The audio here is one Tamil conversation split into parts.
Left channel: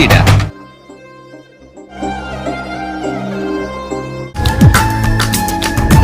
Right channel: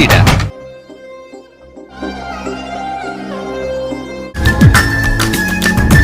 வெளியிட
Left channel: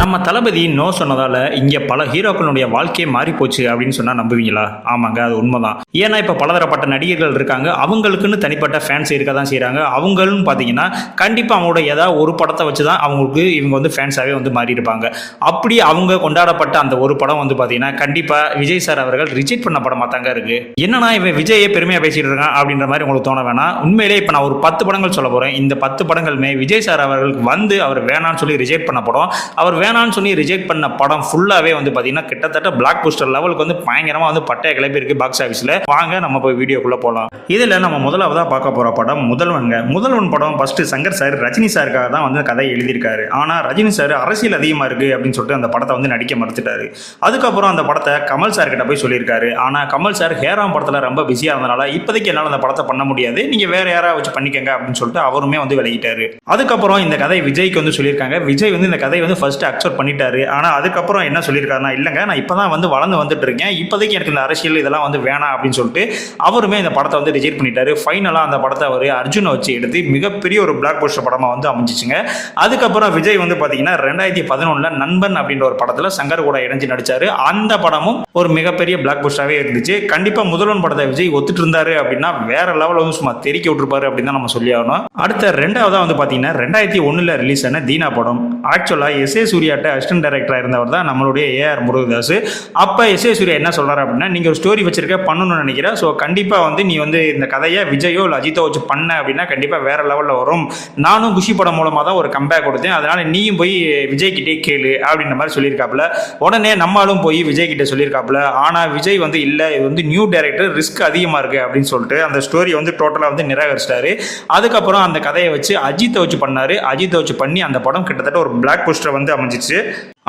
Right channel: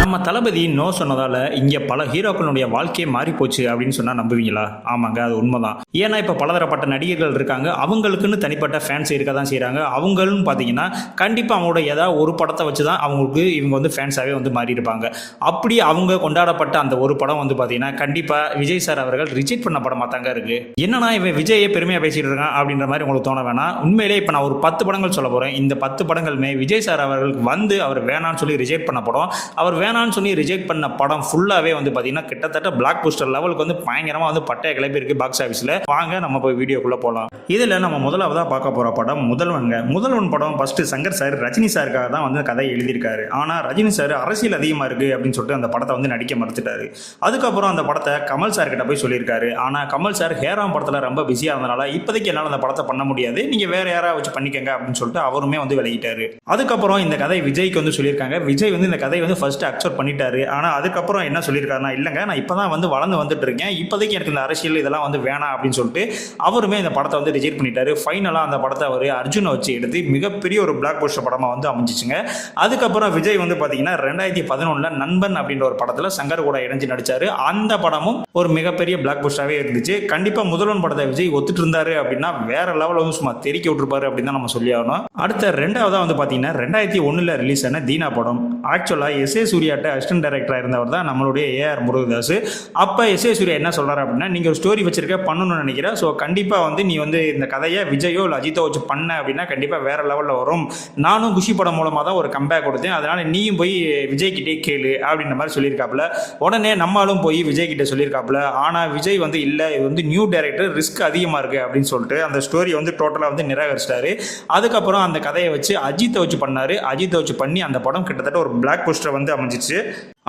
நம்ம தளபதி நோ சொன்னதால இங்க பல ஹீரோக்களுடைய வாழ்க்கையே மாறி போச்சு அப்படின்னு சொன்னா நம்புவீங்களா? ஆமாங்க, அது உண்மைதான். ஏன்னா இப்ப பலதரப்பட்ட நடிகர்கள் இருக்காங்க, அவங்களுக்குன்னு தனிப்பட்ட ஃபேன்ஸ் இருக்க தான் செய்யறாங்க. அவங்களும் பாத்தீங்கன்னா கண்டிப்பா அவங்களோட ஏதாவது ஒரு படத்தை வச்சுதான் அவங்களுக்கு இவங்க வந்து ஃபேன்ஸாவே வந்து மாறி இருப்பாங்க. அப்படி அவங்க கொண்டாடப்பட்ட அந்த ஒரு படம் வந்து பாத்தீங்கன்னா கண்டிப்பா விஜய் சார் அவர்கள் ரிஜெக்ட் பண்ண படமா தாங்க இருக்கு. என்னன்னா இவன் விஜயை பெருமையா பேசிட்டு இருக்கான் அப்படின்ற மாதிரி உங்களுக்கு தோண வேணாம். உண்மையிலே இப்ப நான் ஒரு 10 படங்கள் சொல்ல போறேன். இந்த 10 படங்களுமே விஜய் சார் அவர்களுக்கு வந்து அவர் வேணான்னு சொல்லி ரிஜெக்ட் பண்ண படம். அவர் வேணான்னு சொல்லி ரிஜெக்ட் பண்ண படம் ஃபுல்லாவே வந்து பாத்தீங்கன்னா கிட்டத்தட்ட பிளாக் போஸ்டர் லெவலுக்கு வந்து பயங்கரமா வந்து பட்டைய கிளப்பி இருக்கு பாக்ஸ் ஆபீஸ்ல. வாங்க நம்ம போய் வீடியோக்குள்ள போலாம். இதுல நம்ம முதலாவதா பார்க்க போற படம் முதல்வன் படம். ஃபர்ஸ்ட் சங்கர் சார் ரஜினி சாருக்காக தான் வந்து கதை எழுதியிருக்காரு. ஆனா ரஜினி சார் அரசியல் அதிகமா இருக்கு அப்படின்னு சொல்லிட்டு அந்த படத்தை வந்து நடிக்க மறுத்துட்டாரு. அதுக்கப்புறம் அந்த படத்தை கமல் சார் கிட்ட போய் சொல்லியிருக்காரு. ஆனா கமல் சார் ஹேராம் படத்துல ரொம்ப பிஸியா இருந்தனால இப்போதைக்கு என்னால அந்த படத்தை பண்ண முடியாது, நீங்க வேற யாராவது வச்சு பண்ணிக்கங்க அப்படின்னு சொல்லிட்டு அவருமே வந்து விலகிட்டாரு. அதுக்கப்புறம் இந்த கதை விஜய்க்கு வந்து சொல்லியிருக்காங்க. விஜய் வந்து இந்த கதையை வந்து ஃபர்ஸ்ட் அக்செப்ட் பண்ணிட்டாரு. ஆனா அதுக்கப்புறம் என்ன சொல்லியிருக்காருன்னா, இல்லைங்க நான் இப்பதான் வந்து வளர்ந்து வந்துட்டு இருக்கேன், இப்போதைக்கு எனக்கு இந்த அரசியல் இதெல்லாம் வந்து வேணாம் அப்படின்னு சொல்லிட்டு அவருமே இந்த படத்தை வந்து ரிஜெக்ட் பண்ணிட்டாரு. ஃபைனலா அந்த படத்தை அவர் அர்ஜுனை வச்சு எடுத்து மிகப்பெரிய ஒரு பிளாக் போஸ்டர் படமா வந்து அமைஞ்சிச்சுங்க. அதுக்கப்புறம் விஜய் வந்து பாத்தீங்கன்னா 2011 நண்பன் அப்படின்ற ஒரு படத்துல சங்கர் கூட இணைஞ்சு நடிச்சாரு. அந்த படமும் ஒரு மிகப்பெரிய பிளாக் போஸ்டராகவே இருந்துச்சு. கண்டிப்பா முதல்வன் படத்தை விஜய் ஒத்துட்டு இருந்தாரு அப்படின்னா வேற லெவல் வந்து சும்மா தெறிக்க விட்டுருப்பாரு அப்படின்னு தான் நம்ம சொல்லி ஆகணும். அடுத்த ரெண்டாவதா வந்து பாத்தீங்கன்னா 2001 ரிலீஸ் ஆன தீனா படம். ஆக்சுவலா எஸ் ஏ சூர்யாட்ட அசிஸ்டன்ட் டைரக்டரா இருந்தவர் தான் நம்மளுடைய ஏஆர் முருகதாஸ். அப்ப எஸ் ஏ சூர்யா என்ன சொல்றாரு அப்படின்னா, நீங்க ஒரு ஸ்டோரி வச்சிருக்க பண்ணணும்னு நினைக்கிறேன், ஸோ கண்டிப்பா வந்து நீ வந்து இந்த கதையை விஜயோ இல்லை அஜித்தோ வச்சு பண்ண அப்படின்னா கண்டிப்பா வேற லெவல்ல வரும். நானும் குஷி படம் மூலமா தான் ஒரு கம்பேக் கொடுத்தேன், அதனால நீயும் போய் விஜய் கிட்டே கேளு அப்படின்ற மாதிரி சொல்லியிருக்காப்புல. உடனே நம்மளும் போய் விஜய் கிட்ட சொல்லியிருக்காப்புல. ஆனா விஜய் வந்து இல்ல, இது வந்து நியூ டைரக்டர், ரிஸ்க் அதிகமா இருக்கு அப்படின்னு சொல்லிட்டு அந்த ஸ்டோரி வந்து டோட்டலா வந்து நிராகரிச்சிட்டாரு. அதுக்கப்புறம் அந்த கதையை வச்சு அஜித்தை வச்சு பண்ணாரு. அஜித்தை வச்சு பண்ணி அந்த படம் கிட்டத்தட்ட ஒரு பிளாக் போஸ்டர் வந்து அமைஞ்சிச்சு.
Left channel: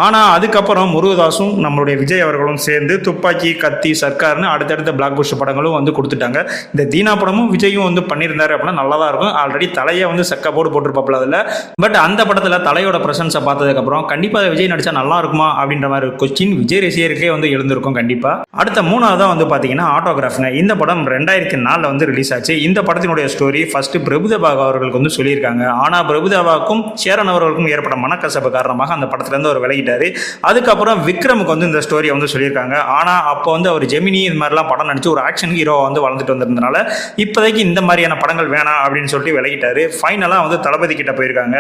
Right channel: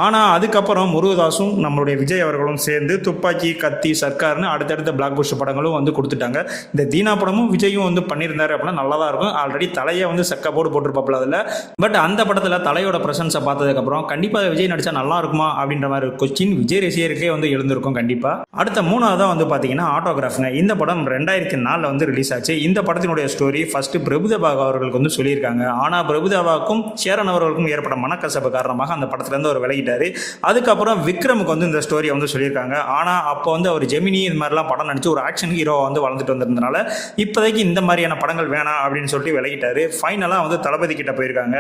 ஆனா அதுக்கப்புறம் முருகதாசும் நம்மளுடைய விஜய் அவர்களும் சேர்ந்து துப்பாக்கி, கத்தி, சர்க்கார்னு அடுத்தடுத்த பிளாக் போஸ்டர் படங்களும் வந்து கொடுத்துட்டாங்க. இந்த தீனா படமும் விஜயும் வந்து பண்ணியிருந்தாரு அப்படின்னா நல்லா தான் இருக்கும். ஆல்ரெடி தலையை வந்து சக்கா போட்டிருப்பாப்புல அதில். பட் அந்த படத்தில் தலையோட பிரசன்ஸை பார்த்ததுக்கப்புறம் கண்டிப்பாக விஜய் நடிச்சா நல்லா இருக்குமா அப்படின்ற மாதிரி கொஸ்டின் விஜய் ரசிகருக்கே வந்து எழுந்திருக்கும் கண்டிப்பா. அடுத்த மூணாவதாக வந்து பார்த்தீங்கன்னா ஆட்டோகிராஃப்ங்க. இந்த படம் 2004 வந்து ரிலீஸ் ஆச்சு. இந்த படத்தினுடைய ஸ்டோரி ஃபர்ஸ்ட் பிரபுதேவா அவர்களுக்கு வந்து சொல்லியிருக்காங்க. ஆனா பிரபுதேவாவுக்கும் சேரன் அவர்களுக்கும் ஏற்பட்ட மனக்கசப்பு காரணமாக அந்த படத்துல இருந்து ஒரு விலகி. அதுக்கப்புறம் விக்ரமுக்கு வந்து இந்த ஸ்டோரியை வந்து சொல்லியிருக்காங்க. ஆனா அப்போ வந்து அவர் ஜெமினி இது மாதிரிலாம் படம் நடிச்சு ஒரு ஆக்ஷன் ஹீரோவா வந்து வளர்ந்துட்டு வந்திருந்தனால இப்போதைக்கு இந்த மாதிரியான படங்கள் வேணாம் அப்படின்னு சொல்லிட்டு விலகிட்டாரு. ஃபைனலா வந்து தளபதி கிட்ட போயிருக்காங்க.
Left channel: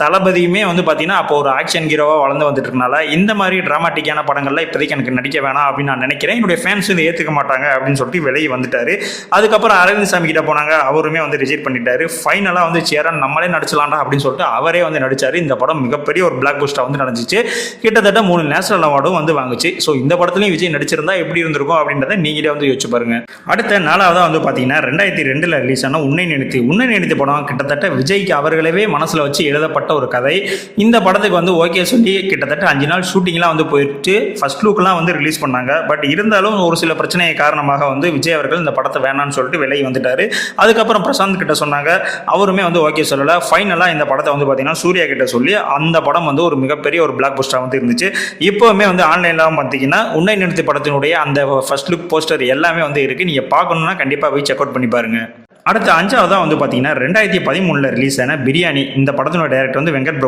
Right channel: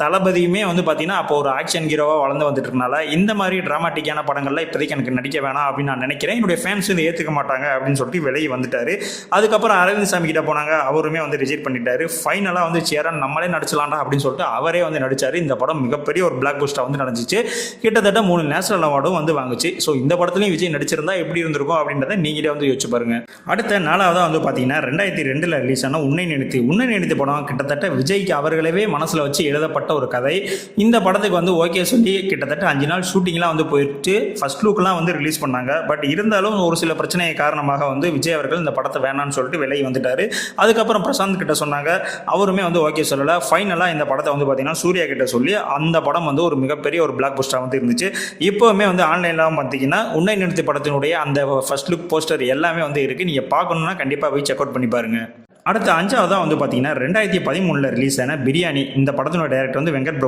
தளபதியுமே வந்து பாத்தீங்கன்னா அப்போ ஒரு ஆக்ஷன் ஹீரோவா வளர்ந்து வந்துட்டு இருக்கனால இந்த மாதிரி டிராமாட்டிக்கான படங்கள்ல இப்போதைக்கு எனக்கு நடிக்க வேணாம் அப்படின்னு நான் நினைக்கிறேன், என்னுடைய ஃபேன்ஸ் இதை ஏத்துக்க மாட்டாங்க அப்படின்னு சொல்லிட்டு விலகி வந்துட்டாரு. அதுக்கப்புறம் அரவிந்த் சாமி கிட்ட போனாங்க, அவருமே வந்து ரிஜெக்ட் பண்ணிட்டாரு. ஃபைனலா வந்து சேரன் நம்மளே நடிச்சலாம்டா அப்படின்னு சொல்லிட்டு அவரே வந்து நடிச்சாரு. இந்த படம் மிகப்பெரிய ஒரு பிளாக் போஸ்டரா வந்து நடந்துச்சு. கிட்டத்தட்ட 3 நேஷனல் அவார்டும் வந்து வாங்குச்சு. ஸோ இந்த படத்துலையும் விஜய் நடிச்சிருந்தா எப்படி இருந்திருக்கும் அப்படின்றத நீங்களே வந்து யோசிச்சு பாருங்க. அடுத்த நாலாவதா வந்து பார்த்தீங்கன்னா 2002 ரிலீஸ் ஆன உன்னை நினைத்து படம் கிட்டத்தட்ட விஜய்க்கு அவர்களவே மனசில் வச்சு எழுதப்பட்ட ஒரு கதை. இந்த படத்துக்கு வந்து ஓகே சொல்லி கிட்டத்தட்ட 5 நாள் ஷூட்டிங்லாம் வந்து போயிட்டு ஃபர்ஸ்ட் லுக்லாம் வந்து ரிலீஸ் பண்ணாங்க. பட் இருந்தாலும் ஒரு சில பிரச்சனை காரணமாக வந்து விஜய் அவர்கள் இந்த படத்தை வேணான்னு சொல்லிட்டு விலகி வந்துட்டாரு. அதுக்கப்புறம் பிரசாந்த் கிட்ட சொன்னாங்க, அவருமே வந்து ஓகே சொல்லல. ஃபைனலாக இந்த படத்தை வந்து பார்த்தீங்கன்னா சூர்யா கிட்ட சொல்லி அந்த படம் வந்து ஒரு மிகப்பெரிய ஒரு பிளாக் போஸ்டர் வந்து இருந்துச்சு. இப்போவுமே வந்து ஆன்லைன்ல பார்த்தீங்கன்னா உன்னை நிறுத்தி படத்தினுடைய அந்த ஃபர்ஸ்ட் லுக் போஸ்டர் எல்லாமே வந்து இருக்கு. நீங்க பார்க்கணும்னா கண்டிப்பா போய் செக் அவுட் பண்ணி பாருங்க. அடுத்த 5ஆவதா வந்து பார்த்தீங்கன்னா 2013 ரிலீஸ் ஆன பிரியாணி. இந்த படத்தினோட டைரக்டர் வந்து வெங்கட்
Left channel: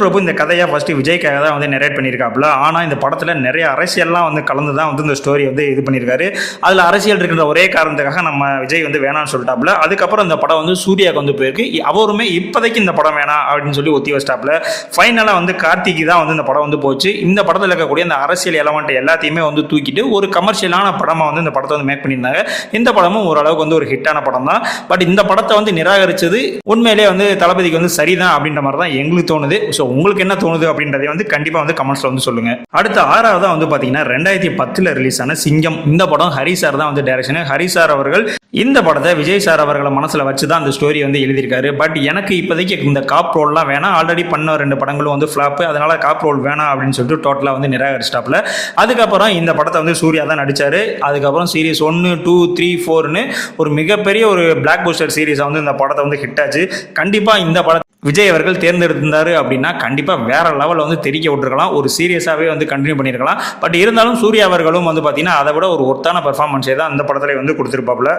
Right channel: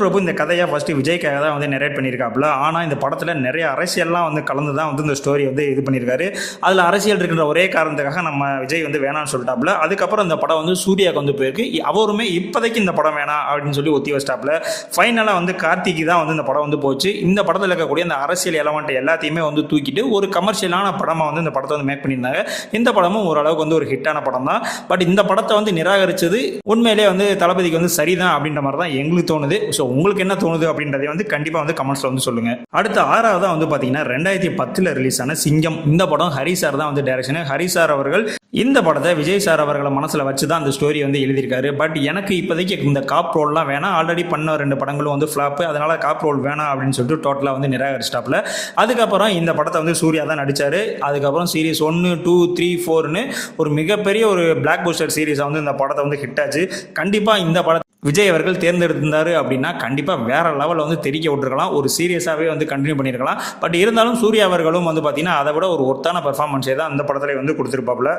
பிரபு இந்த கதையை ஃபர்ஸ்ட் விஜய்க்காக தான் வந்து நரேட் பண்ணியிருக்காப்புல. ஆனால் இந்த படத்தில் நிறைய அரசியல்லாம் வந்து கலந்து தான் வந்து இந்த ஸ்டோரி வந்து இது பண்ணியிருக்காரு. அதில் அரசியல் இருக்கிற ஒரே காரணத்துக்காக நம்ம விஜய் வந்து வேணாம்னு சொல்லிட்டாப்புல. அதுக்கப்புறம் இந்த படம் வந்து சூர்யாவுக்கு வந்து போயிருக்கு. அவருமே இப்போதைக்கு இந்த படம் வேணாம் அப்படின்னு சொல்லி ஒத்தி வச்சிட்டாப்புல. ஃபைனலாக வந்து கார்த்திக்கு தான் வந்து இந்த படம் வந்து போச்சு. இந்த படத்தில் இருக்கக்கூடிய அந்த அரசியல் எலமெண்ட் எல்லாத்தையுமே வந்து தூக்கிட்டு ஒரு கமர்ஷியலான படமாக வந்து இந்த படத்தை வந்து மேக் பண்ணியிருந்தாங்க. இந்த படமும் ஓரளவுக்கு வந்து ஒரு ஹிட்டான படம் தான். பட் இந்த படத்தை வந்து நிராகரிச்சது உண்மையிலே வந்து தளபதிக்கு வந்து சரிதான் அப்படின்ற மாதிரி தான் எங்களுக்கு தோணுது. ஸோ உங்களுக்கு என்ன தோணுது அப்படின்றதை வந்து கண்டிப்பா வந்து கமெண்ட்ஸ்ல வந்து சொல்லுங்க. அடுத்த 6ஆவதா வந்து பாத்தீங்கன்னா 2010 ரிலீஸ் ஆன சிங்கம். இந்த படம் ஹரி சார் தான் வந்து டைரக்ஷன். ஹரி சார் அவர்கள் இந்த படத்தை விஜய் சார் அவர்களை மனசுல வச்சு தான் அந்த ஸ்டோரி வந்து எழுதியிருக்காரு. பட் எனக்கு இப்போதைக்கு இந்த காப் ரோல்லாம் வேணாம், ஆல்ரெடி பண்ண 2 படங்களும் வந்து ஃபிளாப், அதனால காப் ரோல் வேணாம் அப்படின்னு சொல்லிட்டு டோட்டலா வந்து நிராகரிச்சிட்டாப்ல. அதுக்கப்புறம் இந்த படத்தை வந்து சூர்யா தான் நடிச்சாரு. அதுக்கப்புறம் சீரிஸ் 1, 2, 3, 4ன்னு ஒரு மிகப்பெரிய ஒரு பிளாக் போஸ்டர் சீரிஸ் வந்து இந்த படத்தை வந்து ஹிட் ஆச்சு. கண்டிப்பா இந்த படத்தை விஜய் அவர்கள் தேர்ந்தெடுத்திருந்தாரு அப்படின்னா கண்டிப்பாக வேற லெவலில் வந்து தெரிக்க விட்டுருக்கலாம், ஒரு சீரியஸாகவே வந்து கண்டினியூ பண்ணியிருக்கலாம். பட் இருந்தாலும் சூர்யா அவர்களும் வந்து பார்த்தீங்கன்னா அதை விட ஒரு ஒர்த்தான பெர்ஃபார்மன்ஸே தான் அந்த படத்தில் வந்து கொடுத்துருப்பாப்புல.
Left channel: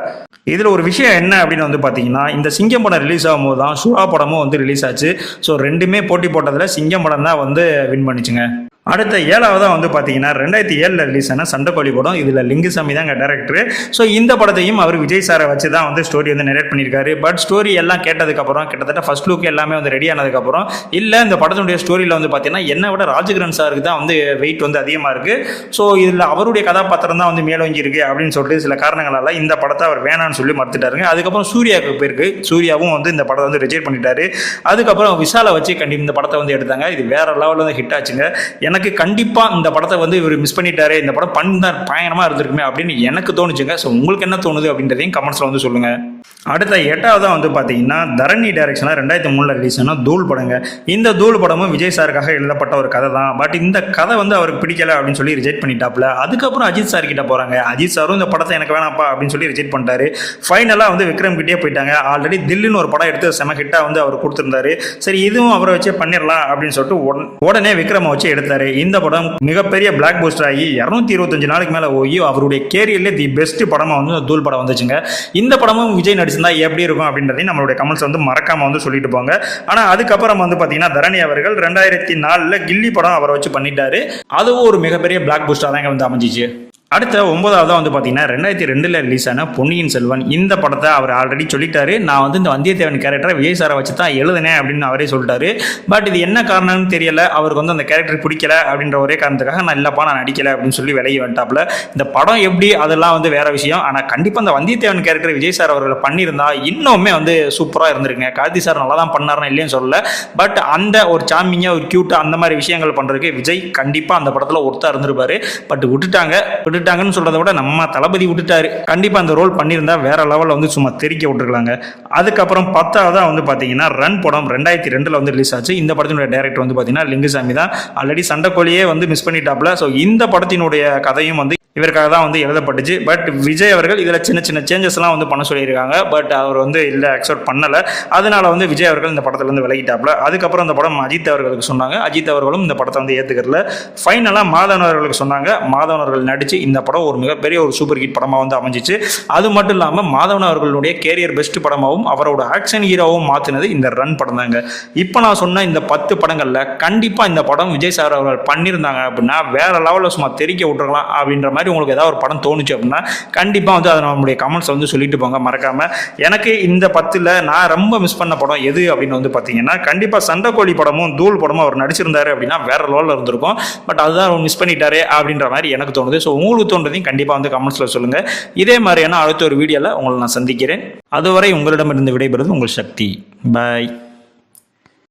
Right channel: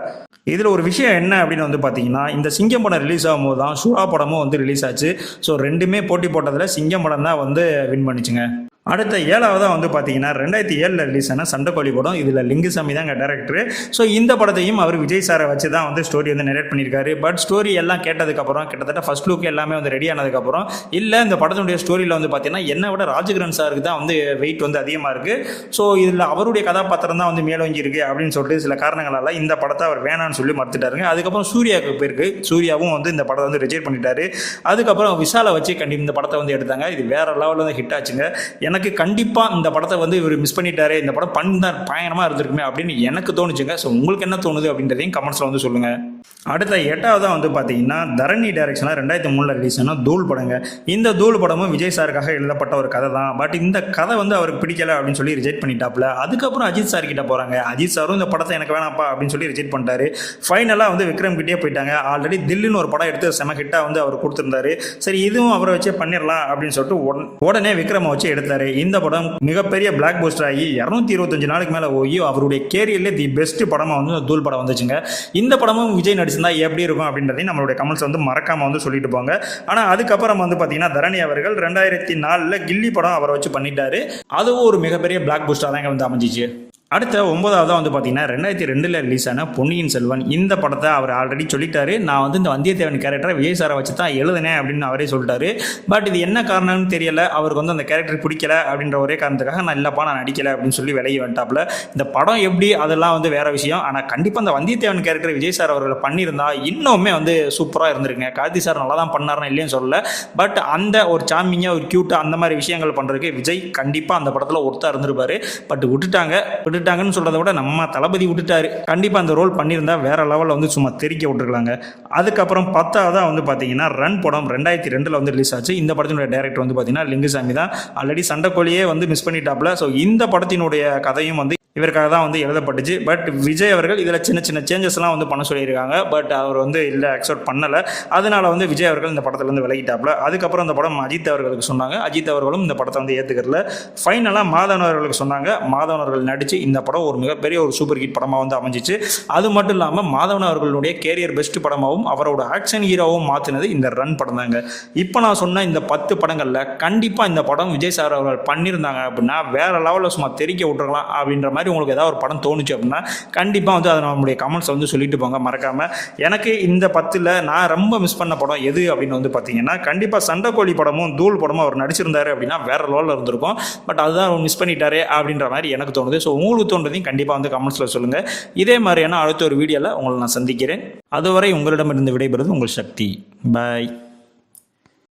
இதில் ஒரு விஷயம் என்ன அப்படின்னு வந்து பார்த்தீங்கன்னா, இந்த சிங்கம் படம் ரிலீஸ் ஆகும்போது தான் சுறா படமும் வந்து ரிலீஸ் ஆச்சு. ஸோ ரெண்டுமே போட்டி போட்டதில் சிங்கம் படம் தான் வந்து வின் பண்ணிச்சுங்க. அடுத்த 7வதாக வந்து பார்த்தீங்கன்னா 2007 ரிலீஸ் ஆன சண்டைக்கோழி படம். இதில் லிங்குசாமி தாங்க டேரக்டர். ஸோ இந்த படத்தையும் அவர் விஜய் சாரை வச்சு தான் வந்து ஸ்டோரி வந்து நரேட் பண்ணியிருக்காரு. பட் ஸ்டோரி எல்லாம் கேட்டதுக்கப்புறம் கிட்டத்தட்ட ஃபர்ஸ்ட் லுக் எல்லாமே வந்து ரெடி ஆனதுக்கப்புறம் இல்லை இந்த படத்தினுடைய ஸ்டோரியில் வந்து பார்த்தீங்கன்னா என்னை விட ராஜகிரண் சாருக்கு தான் வந்து வெயிட் வந்து அதிகமாக இருக்குது. ஸோ இதில் அவருடைய கதாபாத்திரம் தான் வந்து மேலோங்கி இருக்குது அப்படின்னு சொல்லிட்டு சில காரணங்களால் இந்த படத்தை அவர் வேணான்னு சொல்லி மறுத்துட்டாருங்க. அதுக்கப்புறம் சூர்யாவுக்கு போயிருக்கு. சூர்யாவும் வந்து இந்த படத்தை வந்து ரிஜெக்ட் பண்ணிட்டாரு. அதுக்கப்புறம் விஷாலை வச்சு கண்டிப்பாக இந்த படத்தை வந்து எடுத்தாங்க. இது வேற லெவலில் வந்து ஹிட் ஆச்சுங்க. எனக்கு கண்டிப்பாக இந்த படத்தை வந்து இவர் மிஸ் பண்ணிட்டாரு, இந்த படம் பண்ணார் பயங்கரமாக இருந்திருக்குமே அப்படின்னு எனக்கு தோணுச்சுங்க. ஸோ உங்களுக்கு என்ன தோணுது அப்படின்றதையும் கமெண்ட்ஸில் வந்து சொல்லுங்கள். அடுத்த 8வதாக வந்து பார்த்தீங்கன்னா தரணி டைரக்ஷனில் 2003 ரிலீஸ் ஆன தூள் படங்க. இந்த தூள் படமும் விஜய் சாருக்காக எழுதப்பட்ட ஒரு கதை தான். பட் இந்த கதை வந்து அவருக்கு பிடிக்கல அப்படின்னு சொல்லி ரிஜெக்ட் பண்ணிட்டாப்ல. அதுக்கப்புறம் அஜித் சார் கிட்ட போகிறாங்க. அஜித் சாரும் இந்த படத்தை எனக்கு வேணாப்பா அப்படின்னு சொல்லி ரிஜெக்ட் பண்ணிட்டாரு. ஃபைனலாக வந்து விக்ரம் கிட்டே போயிட்டாங்க. ஆல்ரெடி தில்லுன்னு ஒரு படம் எடுத்து செம ஹிட்டாக வந்து அவர் கொடுத்துருந்தாரு. சரி இதுவும் அவரை வச்சே பண்ணிடலாம் அப்படின்னு சொல்லிட்டு உடனே விக்ரமை வச்சு எடுத்தாரு. இந்த படம் மிகப்பெரிய பிளாக் போஸ்டர் ஆகி 225 நாளுக்கு மேலே போய் அவருடைய கேரியர்லேயே தி பெஸ்ட் படமாக வந்து தூள் படம் வந்துச்சுங்க. இந்த படமும் விஜய் நடிச்சிருந்தா எப்படி இருக்கும் அப்படின்றதையும் நம்மளுடைய கமெண்ட்ஸ் வந்து மறக்காம வந்து சொல்லிட்டு போங்க. ஆனால் அதுக்கப்புறம் வந்து பார்த்தீங்கன்னா தரணி அவர்கள் 2004 கில்லி படம் அவரை வச்சு பண்ணிட்டாரு. அதுவும் ஒரு மிகப்பெரிய பிளாக் போஸ்டர் தாங்க வந்து அமைஞ்சிச்சு. அடுத்த 9வதாக வந்து பார்த்தீங்கன்னா 2002 ரிலீஸ் ஆன பொன்னியின் செல்வன். இந்த படத்தை அவர் ஆல்ரெடி சொல்லிட்டாரு, நான் வந்து இந்த வந்தியத்தேவன் கேரக்டரை விஜய் சாரை வச்சு தான் எழுதுனேன் அப்படின்னு அவரே சொல்லிட்டாரு. பட் இது என்ன காரணம்னு தெரியல, அவருக்கு வந்து அந்த கேரக்டர் பிடிக்கல அப்படின்ற ஒரே காரணத்துக்காக நான் இல்லப்பா நான் நடிக்கல அப்படின்னு சொல்லி விலகி வந்துட்டாப்ல. இந்த படம் எப்படி அதெல்லாம் வந்து வேற விஷயம். ஆனால் கண்டிப்பாக அந்த வந்தியத்தேவன் கேரக்டர் விஜய் சார் அவர்களை பண்ணியிருந்தா இன்னுமே வந்து சூப்பராக இருந்திருக்குங்க. கார்த்தி சார் நல்லா தான் பண்ணாருன்னு இல்லைன்னு சொல்லல. பட் அந்த ஒரு சாமிங்காக ஒரு கியூட்டாக அந்த மாதிரி விஷயங்கள் பண்ணுறதுக்கு விஜய் கண்டிப்பாக அந்த படத்தில் ஒருத்தா இருந்திருப்பாரு. பட் விட்டுட்டாங்கன்னு சொல்றதை விட நம்ம தளபதி விட்டுட்டாரு. கண்டிப்பா அந்த ரோல் பண்ணியிருந்தா வேற லெவலில் வந்து சும்மா தெரிக்க விட்டுருக்காங்க. அதுக்கப்புறம் 10வதா வந்து பாத்தீங்கன்னா ரன் படம் 2002 வந்து ரிலீஸ் ஆச்சு. இந்த படத்தினுடைய டைரக்டர் வந்து பாத்தீங்கன்னா லிங்குசாமி தான். ஆல்ரெடி சண்டைக்கோழியே வந்து மிஸ் பண்ணிட்டாப்ல. ஸோ இந்த படத்தினுடைய கதையும் வந்து இவருக்காக தான் வந்து எழுதப்பட்டுச்சு. பட் விஜய் அவர்கள் இதில் சின்ன சின்ன சேஞ்சஸ்லாம் வந்து பண்ண சொல்லியிருக்காங்க. பட் அவர் வந்து இல்லை அக்செப்ட் பண்ணலை. அதனால வந்து விஜய் அவர்கள் இந்த படத்தில் வந்து விலகிட்டாப்ல. அதுக்கப்புறம் இந்த படம் அஜித் அவர்களுக்கு சொன்னாங்க. அஜித் அவர்களும் இந்த படத்தை வந்து ஏற்றுக்கிறல. ஃபைனலாக மாதவன் அவர்களுக்கு சொன்னாங்க. மாதவன் அவர்கள் நடித்து இந்த படம் ஒரு மிகப்பெரிய ஒரு சூப்பர் ஹிட் படமாக வந்து அமைஞ்சிச்சு. அது மட்டும் இல்லாமல் மாதவன் அவர்களுடைய கேரியர் பெஸ்ட் படமாகவும் அவரோட ஆக்ஷன் ஹீரோவும் மாற்றினது இந்த ரன் படம் தாங்க. இப்போ நான் சொன்ன இந்த 10 படங்களில் கண்டிப்பாக இந்த படம் விஜய் சார் அவர்கள் பண்ணியிருந்தாங்க அப்படின்னா வேற லெவலில் சும்மா தெரிக்க விட்டுருக்கலாம் அப்படின்ற மாதிரி உங்களுக்கு ஏதாவது ஒரு படம் தோணுச்சு அப்படின்னா கண்டிப்பாக வந்து அதை நம்மளுடைய கமெண்ட்ஸ் வந்து சொல்லிட்டு போங்க மறக்காம. எனக்கு இந்த 10ல் நான் ரொம்ப மிஸ் பண்ண படம் எது அப்படின்னு வந்து பார்த்தீங்கன்னா கண்டிப்பாக சண்டைக்கோழி படமும் தூள் படமும் அவர் நடிச்சிருந்தாரு அப்படின்னா வேற லெவலில் இருந்திருக்கும். பட் அதுதான் மிஸ் பண்ணிட்டாரே அப்படின்ற மாதிரி எனக்கு தோணுது. ஸோ உங்களுக்கு தோன்றதையும் கண்டிப்பாக வந்து கமெண்ட்ஸில் சொல்லுங்கள். இதே மாதிரியான அடுத்த ஒரு வீடியோவில் உங்களை நான் சந்திக்கிறேன். அதுவரை உங்களிடமிருந்து விடைபெறுவது உங்கள் சக்தி. பாய்.